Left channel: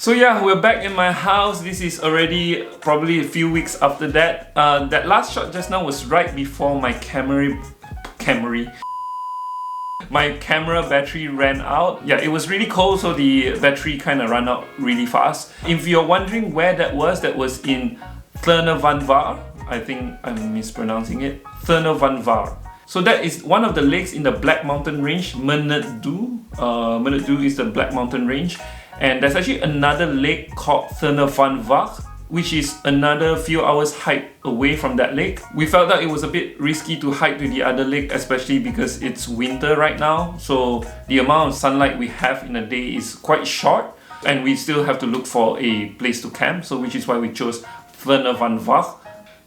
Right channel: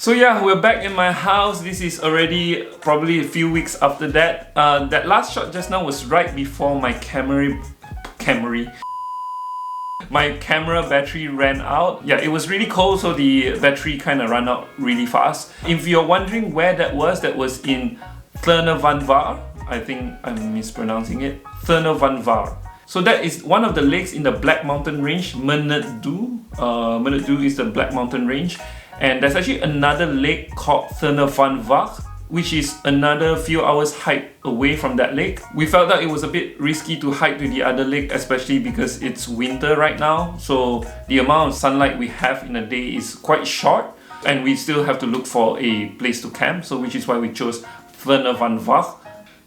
So yeah, we're back in my house. This is already probably a few weeks after that. That last shot just now was right before my camera battery ran out. Yeah, it was really cold, so the battery kind of ran out really fast. If you're wondering where that was in Thernavanvar. I think I'm mispronouncing it. Thernavanvar. So that is one of the lakes in the Black Mountain Range, Menetdu. Menetdu is the Black Mountain Range. And there's actually another lake called Thernavanvar, which is another few hours hike away from that lake. We felt that it was a bit risky to hike to the other lake, especially because it's winter right now. So the amount of sunlight we have in a day is quite short, and we still have to look for a place to camp, so which is why we chose Thernavanvar.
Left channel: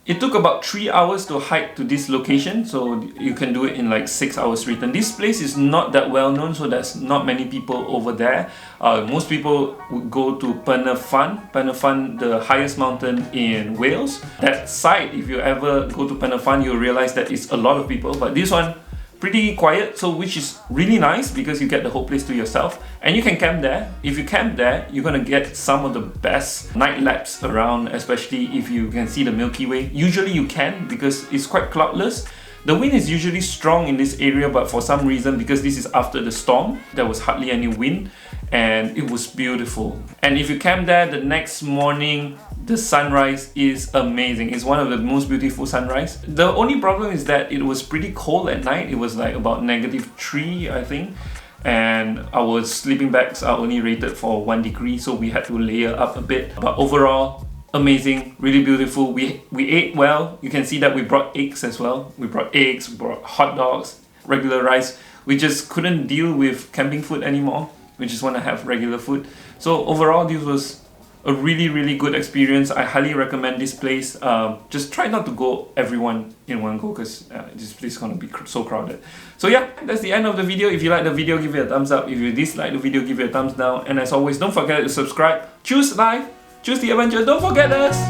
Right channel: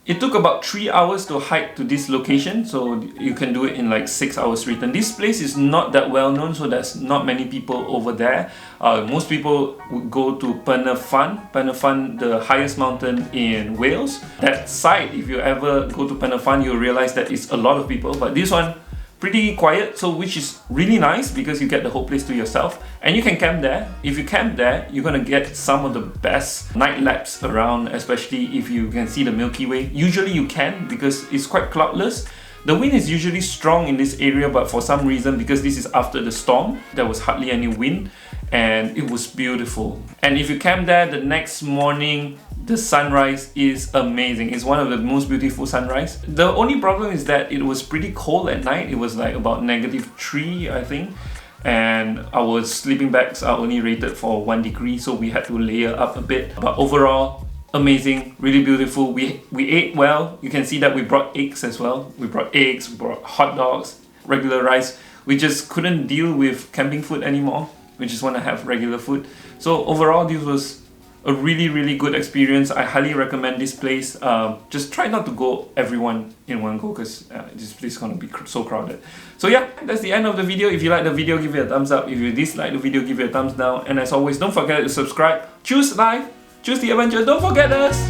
It took about 3 hours to hike to this location, so you can do it in like 6 hours return. This place is not that well known, so there's not many people over there. Most people would go to Penafan, the highest mountain in Wales. That site, if you ever go to Penafan, you'll realize that it's a lot of people, but this one, pretty quiet, so which is really nice because you get the whole place to yourself and you can camp there. If you camp there, you're gonna get some of the best night lapse around, especially if you can see the Milky Way. Usually you can because it's quite cloudless. The wind is usually strong in this area, but for some reason, because this is after the storm, there was hardly any wind and it was beautiful. And if you camp there, the next morning the sunrise is amazing. It's one of the most beautiful sunrise. The only problem is that it was pretty cold at night. It was like about -3, I think, and our sleeping bags are only rated for 1 degree, so we had to layer up a bit. But overall, amazing, really beautiful. We ate well. You can see that we brought eggs as well. We brought eggs, we brought hot dogs, regular rice. We just couldn't deal with camping food anymore. We just want to have regular food. So overall, this was a really good experience. I highly recommend this place. Just try not to go everyone in one go, because this place is gonna be so crowded. So yeah, that's the end of the video. If you like the video, give it a thumbs up. If you dislike the video, give it a thumbs down. And as always, don't forget to subscribe. Choose life, choose the adventure. Don't forget us.